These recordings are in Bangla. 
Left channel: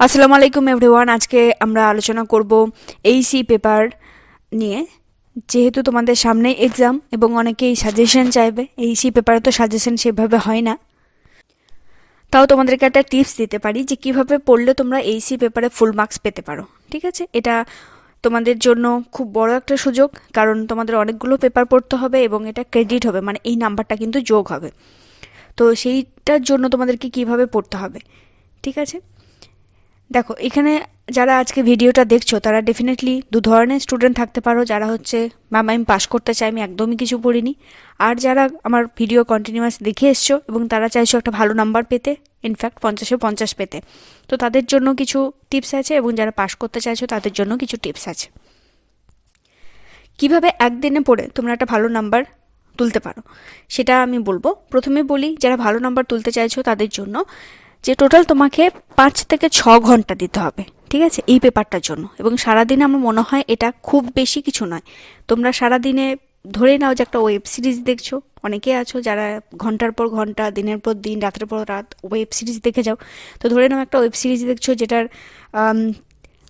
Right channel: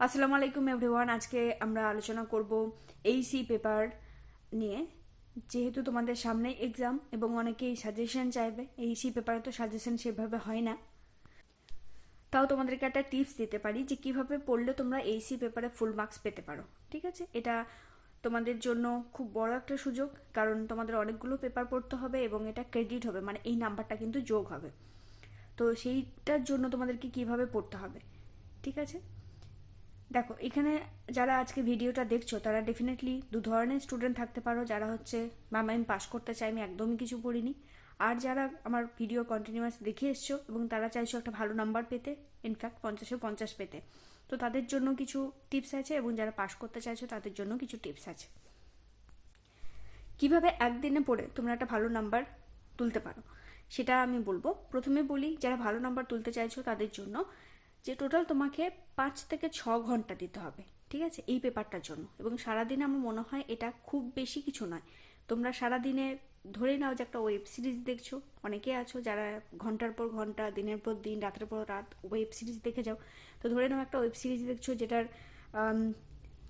আসসালামু আলাইকুম এভরিওয়ান। আজকে আমরা আলোচনা করব এইসি পেপার নিয়ে। যেহেতু তোমাদের সামনে এক্সাম এবং অনেকেই সাজেশন চাইবে, এইসি পেপারে তো সাজেশন সেভাবে হয় না, তাও তোমাদেরকে একটা টিপস দিতে পারি যে কিভাবে পড়লে তোমরা এইসি পেপারে ফুল মার্কস পেতে পারো। ঠিক আছে, এটা তোমাদের জন্য খুব বড় একটা সুযোগ, কারণ তোমাদের অনেকগুলো পেপার পড়তে হবে এবং এটা ক্রেডিট হবে, মানে এই নাম্বারটা কিন্তু যোগ হবে। তো সেইটার জন্য তোমাদেরকে কিভাবে পড়তে হবে, ঠিক আছে। দেখো, এখানে যারা আজকে ভিডিওটা দেখছো তারা ডেফিনেটলি দু ধরনের স্টুডেন্ট থাকতে পারো। যারা হচ্ছে ম্যাম আমি পাস করতে চাই, আমি একদমই কিছু পড়িনি। আর যারা আমার ভিডিও কন্টিনিউয়াস দেখে এসছো এবং তারা চাইছো একটা ভালো নাম্বার পেতে, ইনফ্যাক্ট 50-50 পেতে, তো তাদের জন্য কিছু টিপস আছে, এবং যারা পাস করতে চাইছো তাদের জন্য কিছু টিপস আছে। কিভাবে একদিনে পড়ে তোমরা একটা ভালো নাম্বার তুলতে পারো সেটা আমি বলবো। প্রথমে বলি, যারা ভালো নাম্বার তুলতে চাইছো তাদের জন্য, যে টোটাল তোমাকে 5 থেকে 6 ঘন্টা দিতে হবে, ঠিক আছে, এই পেপারটার জন্য। এবং সারাদিনে আমার মনে হয় এটা খুব বেশি কিছু নয়। তোমরা সারাদিনে ধরে নাও যে একটা ওয়েব সিরিজ দেখছো, অনেকে আছো যারা ঘন্টার পর ঘন্টা, দিনের পর দিন, রাতের পর রাত ওয়েব সিরিজ দেখে যাও। তো ধরে নাও একটা ওয়েব সিরিজ দেখছো যেটার আম,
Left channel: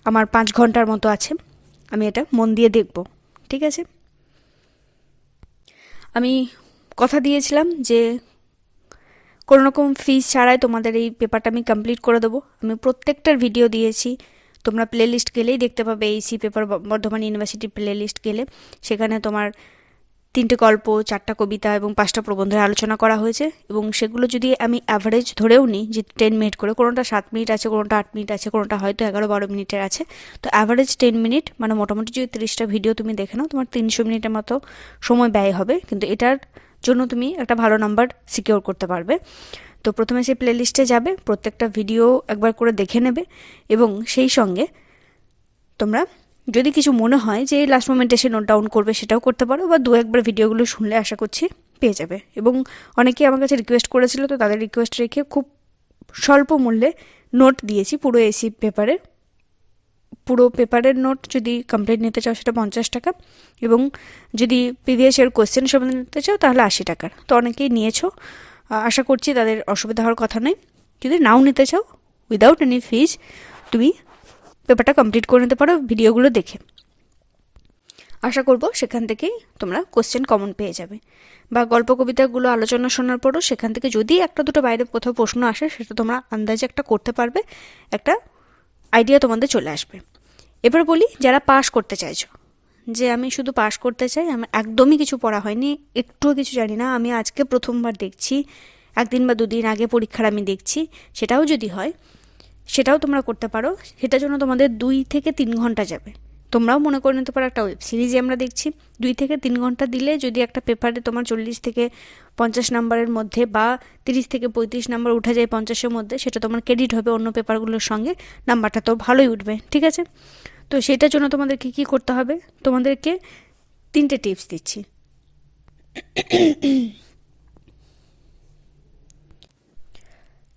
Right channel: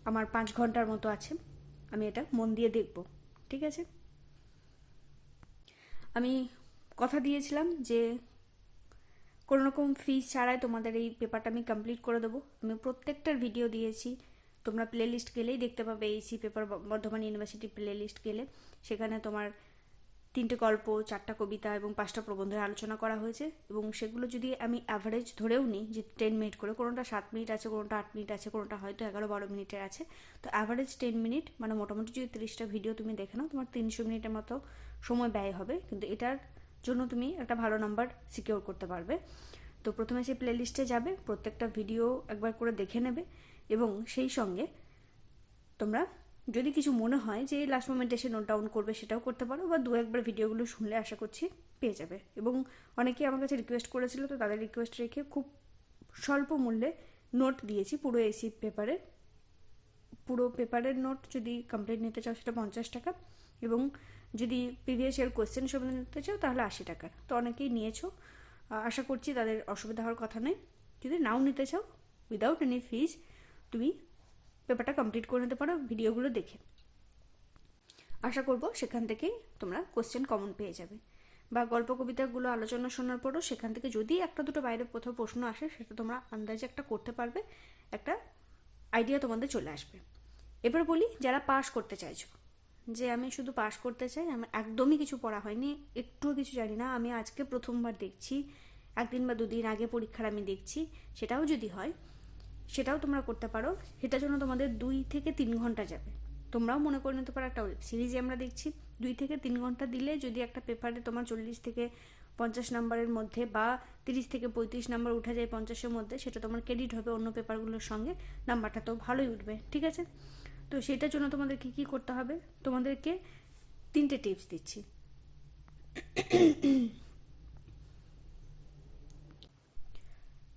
আমার 5 ঘন্টার মতো আছে, আমি এটা মন দিয়ে দেখব, ঠিক আছে। আমি কথা দিয়েছিলাম যে কোনো রকম ফিস ছাড়াই তোমাদের এই পেপারটা আমি কমপ্লিট করে দেবো। আমি প্রত্যেকটার ভিডিও দিয়েছি, তোমরা প্লে লিস্ট গেলেই দেখতে পাবে। এইসি paper Bardhaman university playlist গেলে সেখানে তোমার 3টে গল্প, 4টা কবিতা এবং 5টা প্রবন্ধের আলোচনা করা হয়েছে। এবং সেগুলো যদি আমি অ্যাভারেজ ধরেও নিই যে 10 মিনিট করে, কোনোটা 7 মিনিট আছে, কোনোটা 8 মিনিট আছে, কোনোটা হয়তো 11-12 মিনিটের আছে, তো অ্যাভারেজ 10 মিনিট, মানে মোটামুটি যদি 30টা ভিডিও তুমি দেখে নাও তোমার 300 মিনিটের মতো সময় ব্যয় হবে, কিন্তু এটার জন্য তুমি একটা ভালো নাম্বার সিকিওর করতে পারবে। তো প্রথমে সেই প্লে লিস্টে যাবে, প্রত্যেকটা ভিডিও একবার করে দেখে নেবে, এবং সেই সঙ্গে তোমরা যদি কিছু মনে হয় যে লাস্ট মোমেন্টে এসে নোট ডাউন করবে সেটাও করতে পারো, বা দু একবার ভিডিওগুলো শুনলে আশা করছি পেয়ে যাবে। এবং অনেকেই আমার কাছে রিকোয়েস্ট করেছিল, তো তাদের রিকোয়েস্ট রেখে খুব স্বল্প মূল্যে নোট দিয়েছি। পুরো পেপারের নোট যদি কমপ্লিট নিতে চাও সেটা 50 টাকা, এবং যদি প্রিভিয়াস ইয়ার কোয়েশ্চেন সব নিতে চাও তাহলে 80 টাকার। তো অনেকেই নিয়েছো, আশা করছি তাদের অসুবিধা হওয়ার কথা নয়। যদি নাও নিতে চাও, উইদাউট এনি ফিজ তুমি পেপারটা কমপ্লিট করে নিতে পারো ভিডিওগুলো দেখে। আশা করব সেখান থেকেই তোমরা কোশ্চেন কমন পেয়ে যাবে, বা গল্প কবিতাগুলো আলোচনা শোনার পরও সেখান থেকে যদি একটা দুটো বাইরে কোথাও প্রশ্ন আসে সেটা তোমরা আন্দাজে একটা করতে পারবে, একটা আইডিয়া তোমাদের চলে আসবে। এবার বলি, যারা পাস করতে চাইছো, যে আমি শুধু পাস করতে চাই, আমার একদমই কিছু পড়া হয়নি, একটুও কিছু জানি না, আমি আজকে প্রথমবার দেখছি, 1 দিন বা 2 দিন আগে পরীক্ষার আমি দেখছি, সেটাও যদি হয় সেটাও তোমরা করতে পারো। সেটার জন্য তোমাদের 2 থেকে 3 ঘন্টা যাবে। তোমরাও মনে করে নিতে পারো একটা ওয়েব সিরিজে আমরা দেখছি, 2 থেকে 3 ঘন্টা দিলে যদি একটা পেপারে তোমার 40 থেকে 50 নাম্বারের মধ্যে বা 30 থেকে 35 নাম্বার উঠে যায় 50-এর মধ্যে, সেটা তোমার ক্রেডিট হবে অন্য পেপারগুলোর সঙ্গে, নাম্বারটা তো ভালোই উঠবে, ঠিক আছে। তো সেটার জন্য তোমাদেরকে কী করতে হবে, তোমাদেরকে 3টে টিপস দিচ্ছি।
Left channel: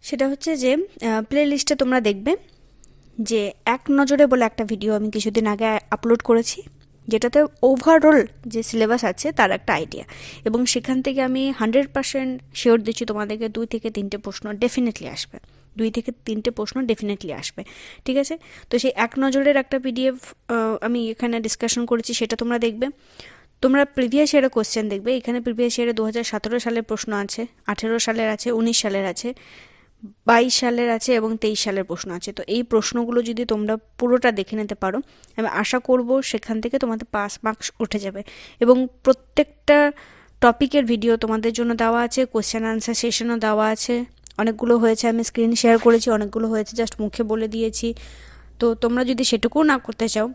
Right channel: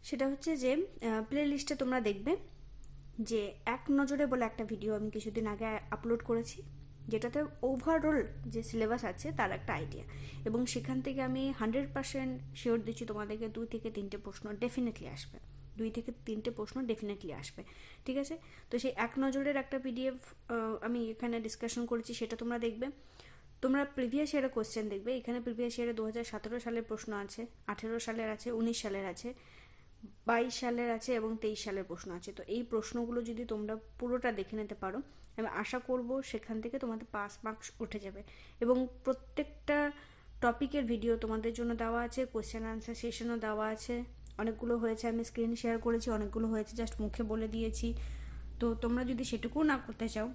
সেটা হচ্ছে যে প্লে লিস্টে তোমরা দেখবে যে এক নজরে বলে একটা ভিডিও আমি কিছুদিন আগে আপলোড করেছি, যেটাতে ওভারঅল যে সিলেবাস আছে তার একটা আইডিয়া, এবং সেখান থেকে আমি 100% শিওর দিচ্ছি তোমাদেরকে 2 থেকে 3টে প্রশ্ন ডেফিনেটলি আসবে, 2 থেকে 3টে প্রশ্ন ডেফিনেটলি আসবে, ঠিক আছে। তো সেই এক নজরের একটা পিডিএফ আমি এখানে ডিসকাশন করেছি, সেটা তোমরা দেখবে। তোমরা প্রিভিয়াস ইয়ারের কোশ্চেন দেখবে, এখানে প্রিভিয়াস ইয়ারে 2017 সালের প্রশ্ন আছে, 18 সালের আছে, 19 সালের আছে, 22 সালের আছে এবং 23 সালের প্রশ্ন আছে। তো এই প্রশ্নগুলো যদি তোমরা পুরোটা দেখে নিতে পারো, আমি আশা করব সেখান থেকে তোমাদের পাস মার্কস উঠে যাবে। এবং প্রত্যেকটা টপিকের ভিডিও তোমাদের জন্য দেওয়া আছে, কোশ্চেন আনসার সেশনও দেওয়া আছে। অনেকগুলো হয়েছে আমি স্ক্রিন শেয়ার করেছি, অনেকগুলো হয়েছে জাস্ট মুখে বলে দিয়েছি। তো তোমরা যদি সেটুকুও না করতে চাও,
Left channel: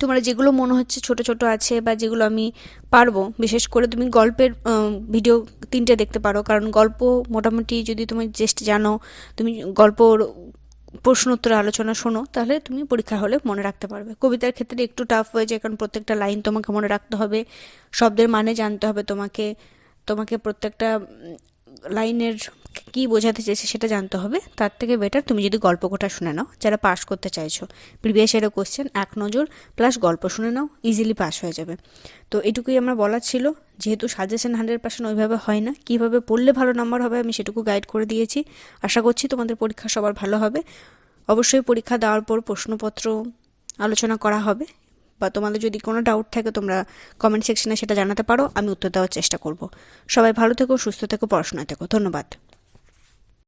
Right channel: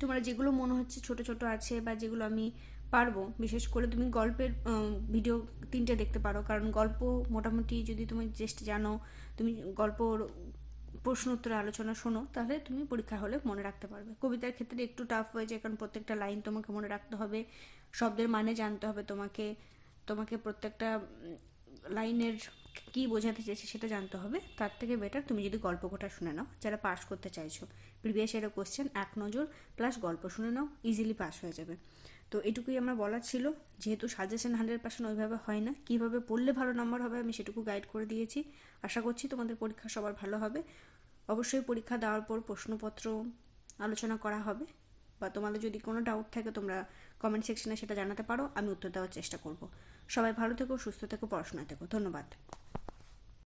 তোমরা যেগুলো মনে হচ্ছে ছোট ছোট আছে বা যেগুলো আমি পারবো, বিশেষ করে তুমি গল্পের ভিডিও 3টে দেখতে পারো, কারণ গল্প মোটামুটি যদি তুমি জাস্ট জানো, তুমি গল্পর প্রশ্ন উত্তর আলোচনা শোনো, তাহলে তুমি পরীক্ষা হলে মনে রাখতে পারবে। কবিতার ক্ষেত্রে একটু টাফ হয়ে যায়, কারণ প্রত্যেকটা লাইন তোমাকে মনে রাখতে হবে, শব্দের মানে জানতে হবে তোমাকে, তোমাকে প্রত্যেকটা লাইনের কী বোঝাতে চেয়েছে সেটা জানতে হবে। তার থেকে বেটার তুমি যদি গল্প কোটা শুনে নাও, যারা পাস করতে চাইছো, প্রিভিয়াস ইয়ারের কোশ্চেন এক নজর প্লাস গল্প শুনে নাও, ইজিলি পাস হয়ে যাবে। তো এটুকুই আমার বলার ছিল। যেহেতু সাজেশন 100% ওইভাবে হয় না, কীভাবে পড়লে ভালো নাম্বার হবে আমি সেটুকু গাইড করে দিয়েছি। আশা করছি তোমাদের পরীক্ষা সবার ভালো হবে। অবশ্যই পরীক্ষা দেওয়ার পর প্রশ্নপত্র আলোচনা করা হবে, বা তোমাদের যদি কোনো ডাউট থাকে তোমরা কমেন্ট সেকশনে সেটা জানাতে পারো, আমি উত্তর দেওয়ার চেষ্টা করব। সবাই ভালো থেকো, সুস্থ থেকো, পড়াশোনায় থেকো। ধন্যবাদ।